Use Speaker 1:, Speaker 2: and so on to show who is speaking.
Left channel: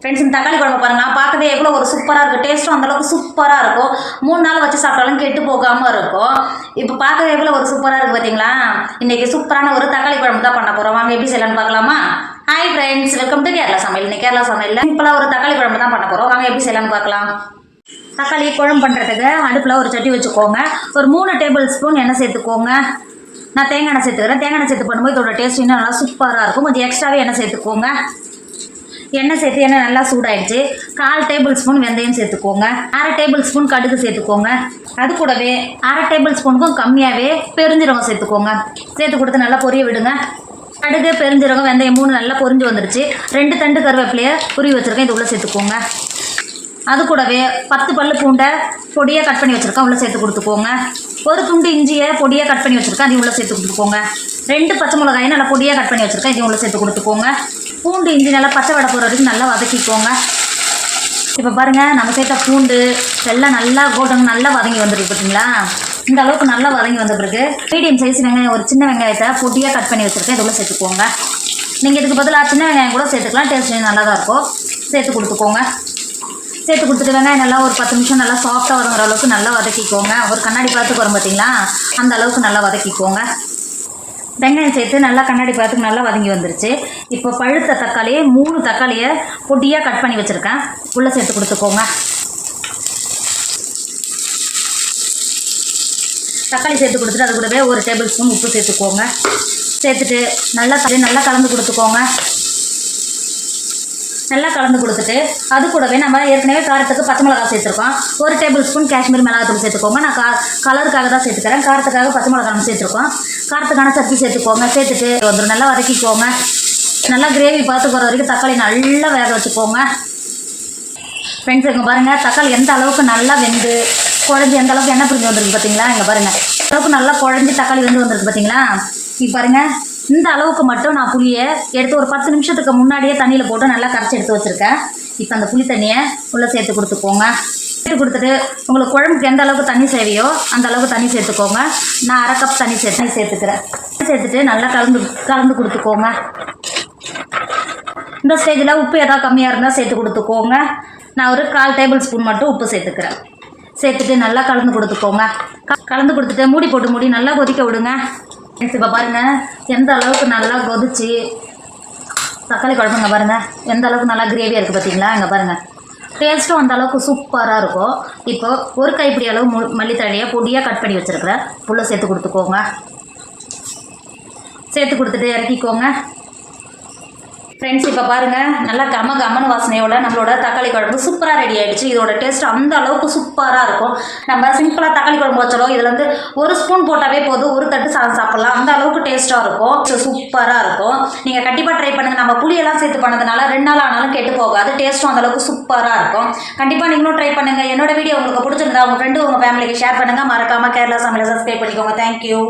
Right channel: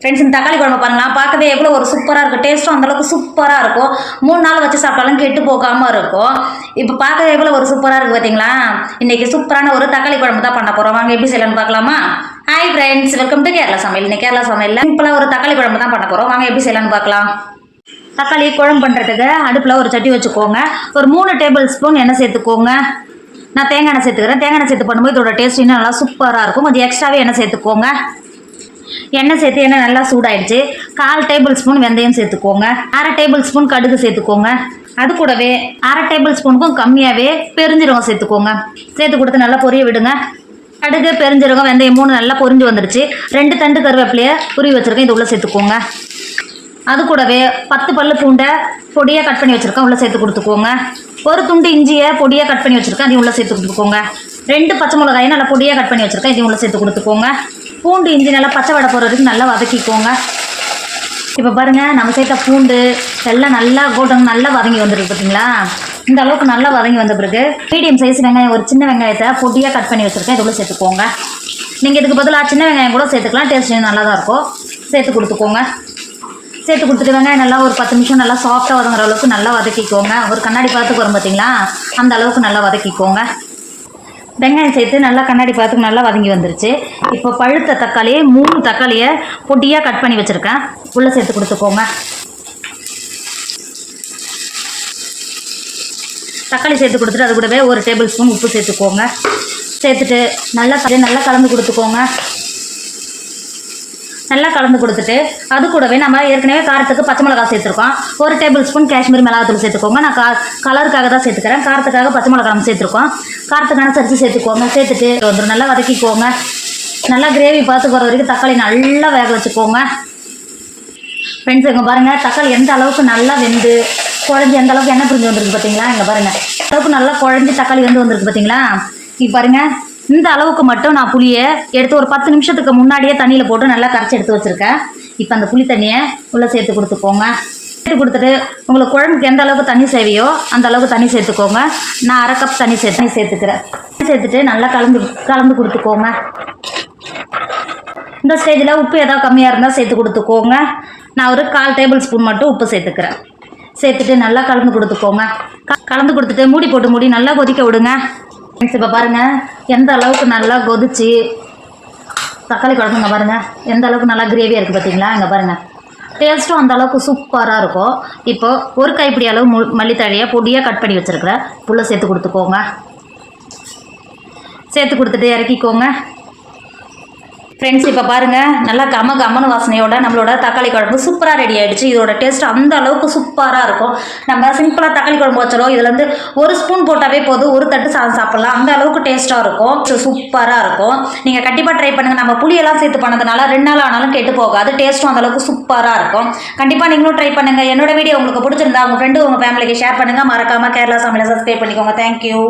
Speaker 1: Friends இந்த தக்காளி குழம்பு பாருங்களா பார்க்கவே எவ்வளோ ஒரு சூப்பராக இருக்கும். டேஸ்ட்டும் அந்தளவுக்கு சூப்பராக இருக்கும். மூணு நாள் வச்சு சாப்பிட்டாலும் கெட்டு போகாமல் இருக்கும். இப்போ பார்க்கவே எவ்வளோ ஒரு சூப்பராக இருக்குது பார்த்தீங்களா இன்றைக்கி சூப்பரான ஒரு தக்காளி குழம்பு தான் பண்ண போகிறோம் வாங்க எப்படி செய்யலாம்னு பார்க்கலாமா? Hi friends welcome to Kerala சமையல். இன்னைக்கு கேரளா சமையல் சிம்பிளாக ஒரு தக்காளி குழம்பு தான் பண்ண போகிறோம் வாங்க எப்படி செய்யலாம்னு பார்க்கலாம். தக்காளி குழம்பு பண்ணுறதுக்கு அடுப்பில் ஒரு சட்டி வச்சுக்கோங்க. ஒரு மூணு டேபிள் ஸ்பூன் எண்ணெய் சேர்த்துக்கோங்க. நான் தேங்காய் எண்ணெய் சேர்த்துக்கிறேன். தேங்காய் எண்ணெய் சேர்த்து பண்ணும்போது இதோட டேஸ்ட் இன்னும் நல்லா சூப்பராக இருக்கும். கொஞ்சம் எக்ஸ்ட்ராவே எண்ணெய் சேர்த்துக்கோங்க. எண்ணெய் சேர்த்து எண்ணெய் நல்லா சூடாயிடுச்சு. கால் டேபிள் ஸ்பூன் வெந்தயம் சேர்த்துக்கோங்க. அரை டேபிள் ஸ்பூன் கடுகு சேர்த்துக்கோங்க. அது கூடவே அரை டேபிள் ஸ்பூனுக்கும் கம்மியாகவே பெருஞ்சீரகம் சேர்த்துக்கோங்க. சேர்த்து கொடுத்து நல்லா பொரிய விடுங்க. கடுகு பெருஞ்சீரகம் வெந்தயம் மூணு நல்லா பொரிஞ்சு வந்துருச்சு. ரெண்டு தண்டு கருவேப்பிலையை புரி வச்சுருக்கேன். இது உள்ளே சேர்த்துக்கோங்க. அது கூடவே பத்து பல்லு பூண்டை பொடியாக கட் பண்ணி வச்சுருக்கேன். உள்ளே சேர்த்து கொடுத்துக்கோங்க. ஒரு துண்டு இஞ்சியை பொடியாக கட் பண்ணி வச்சுருக்கேன். அதையும் உள்ளே சேர்த்து கொடுத்துக்கோங்க. ரெண்டு பச்சை மிளகாயும் நல்லா பொடியாக கட் பண்ணி வச்சுருக்கேன். இதையும் சேர்த்து கொடுத்துக்கோங்க. பூண்டு இஞ்சி நல்லா பச்சை வடை போகிற வரைக்கும் நல்லா வதக்கிக்கோங்க. இப்போ பாருங்கள் நம்ம சேர்த்த பூண்டு எல்லாம் நல்லா கோல்டன் நல்லா வதங்கி வந்துருக்கு பார்த்தீங்களா இந்த அளவுக்கு நல்லா வதங்கி வந்த பிறகு மீடியம் சைஸ் வெங்காயம் ஒரு சின்ன வெங்காயத்தை பொடியாக கட் பண்ணி வச்சுருக்கேன். இது சேர்த்துக்கோங்க. நீங்கள் இதுக்கு பதிலாக சின்ன வெங்காயம் கூட சேர்த்துக்கலாம். டேஸ்ட் நல்லா தான் இருக்கும். சேர்த்து கொடுத்துக்கோங்க. சேர்த்து கொடுத்துட்டு வெங்காயம் நல்லா ஒரு பத்து நிமிஷம் நல்லா சாஃப்டாக வருங்கிற அளவுக்கு நல்லா வதக்கிக்கோங்க. ஒரு கண்ணாடி பார்த்துக்கு வரும் பார்த்தீங்களா அந்த அளவுக்கு நல்லா வதக்கிக்கோங்க. வெங்காயம் சேர்த்து நல்லா கண்ணாடி பார்த்துக்கு நல்லா வதங்கி வந்துருச்சு. இப்போ பழுத்த தக்காளி மூணு தக்காளியை பொட்டியாக கட் பண்ணி வச்சுருக்கேன். உள்ளே சேர்த்து கொடுத்துக்கோங்க. தக்காளி சேர்த்து கொடுத்துட்டு அது கூடவே ஒரு டேபிள் ஸ்பூன் உப்பு சேர்த்துக்கோங்க. சேர்த்துட்டு நல்லா நல்லா கலந்து கொடுத்துக்கோங்க. நல்லா கலந்து கொடுத்துட்டு அது கூடவே நம்ம ஏற்கனவே காரத்துக்கு பச்சை மிளகா சேர்த்துருக்கோம். ஒரு டேபிள் ஸ்பூன் காஷ்மீர் மிளகாத்தூள் சேர்த்துக்கோங்க. நான் கா கலருக்காக தான் சேர்த்துக்கிறேன். காரத்துக்காக பச்சை மிளகாவும் சேர்த்துருக்கோம். காரத்துக்கான சரிச்சு சேர்த்துக்கோங்க. சேர்த்துட்டு வந்துடும் நல்லா வதக்கிக்கோங்க. நல்லா கிரேவி பார்த்து போகிற வரைக்கும் தக்காளி நல்லா வேக வச்சுக்கோங்க. ஃப்ரெண்ட்ஸ் இங்கே பாருங்கள் தக்காளி எந்த அளவுக்கு நல்லா வெந்து குழஞ்சி எந்த அளவுக்கு எண்ணெய் பிரிஞ்சு வந்திருக்கு பார்த்தீங்களா இங்கே பாருங்கள் அளவுக்கு நல்லா குழஞ்சி தக்காளி வெந்து வந்திருக்கு பார்த்தீங்களா இப்போ பாருங்கள் இந்த அளவுக்கு மட்டும் நான் புளியை எடுத்து ஒரு பத்து நிமிஷத்துக்கு முன்னாடியே தண்ணியில் போட்டு நல்லா கரைச்சி எடுத்து வச்சுருக்கேன். இப்போ அந்த புளி தண்ணியை உள்ளே சேர்த்து கொடுத்துக்கோங்க. சேர்த்து கொடுத்துட்டு உங்களுக்கு குழம்புக்கு எந்த அளவுக்கு தண்ணி சேவையோ அந்த அளவுக்கு தண்ணி சேர்த்துக்கோங்க. நான் அரை கப் தண்ணி சேர்த்து தண்ணி சேர்த்துக்கிறேன். சேர்த்துட்டு நல்லா கலந்து கலந்து கொடுத்துக்கோங்க. இந்த ஸ்டேஜில் உப்பு ஏதாவது கம்மியாக இருந்தால் சேர்த்து கொடுத்துக்கோங்க. நான் ஒரு கால் டேபிள் ஸ்பூன் மட்டும் உப்பு சேர்த்துக்கிறேன். சேர்த்துட்டு நல்லா கலந்து கொடுத்துக்கோங்க. கலந்து கொடுத்துட்டு மூடி போட்டு மூடி நல்லா கொதிக்க விடுங்க. இப்போ பாருங்கள் எந்த அளவுக்கு நல்லா கொதிச்சு தக்காளி குழம்புங்க பாருங்கள் எந்த அளவுக்கு நல்லா கிரேவியாக இருக்குது பார்த்தீங்களா இங்கே பாருங்கள் டேஸ்ட்டும் அந்த அளவுக்கு சூப்பராக இருக்கும். இப்போ ஒரு கைப்பிடி அளவு மு மல்லித்தழையை பொடியாக கட் பண்ணி வச்சுருக்கிறேன். புல்லை சேர்த்து கொடுத்துக்கோங்க. சேர்த்து கொடுத்துட்டு இறக்கிக்கோங்க. ஃப்ரெண்ட்ஸ் இப்போ பாருங்கள் நல்லா கம கமன் வாசனையோட நம்மளோட தக்காளி குழம்பு சூப்பராக ரெடி ஆயிடுச்சு. இதோட டேஸ்ட் அந்த அளவுக்கு சூப்பராக இருக்கும். நம்ம சிம்பிளாக தக்காளி குழம்பு வச்சாலும் இதில் வந்து ஒரு ஸ்பூன் போட்டாவே போதும். ஒரு தட்டு சாதம் சாப்பிட்லாம். அந்த அளவுக்கு டேஸ்ட்டாக இருக்கும். சூப்பராக இருக்கும். நீங்கள் கண்டிப்பாக ட்ரை பண்ணுங்கள் நம்ம புளியெல்லாம் சேர்த்து பண்ணதுனால ரெண்டு நாள் ஆனாலும் கெட்டு போகாது. டேஸ்ட்டும் அந்தளவுக்கு சூப்பராக இருக்கும். கண்டிப்பாக நீங்களும் ட்ரை பண்ணுங்கள் என்னோட வீடியோ உங்களுக்கு பிடிச்சிருந்தா உங்கள் ஃப்ரெண்டு உங்கள் ஃபேமிலிக்கு ஷேர் பண்ணுங்கள் மறக்காமல் கேரளா சமையலை சப்ஸ்கிரைப் பண்ணிக்கோங்க. தேங்க்யூ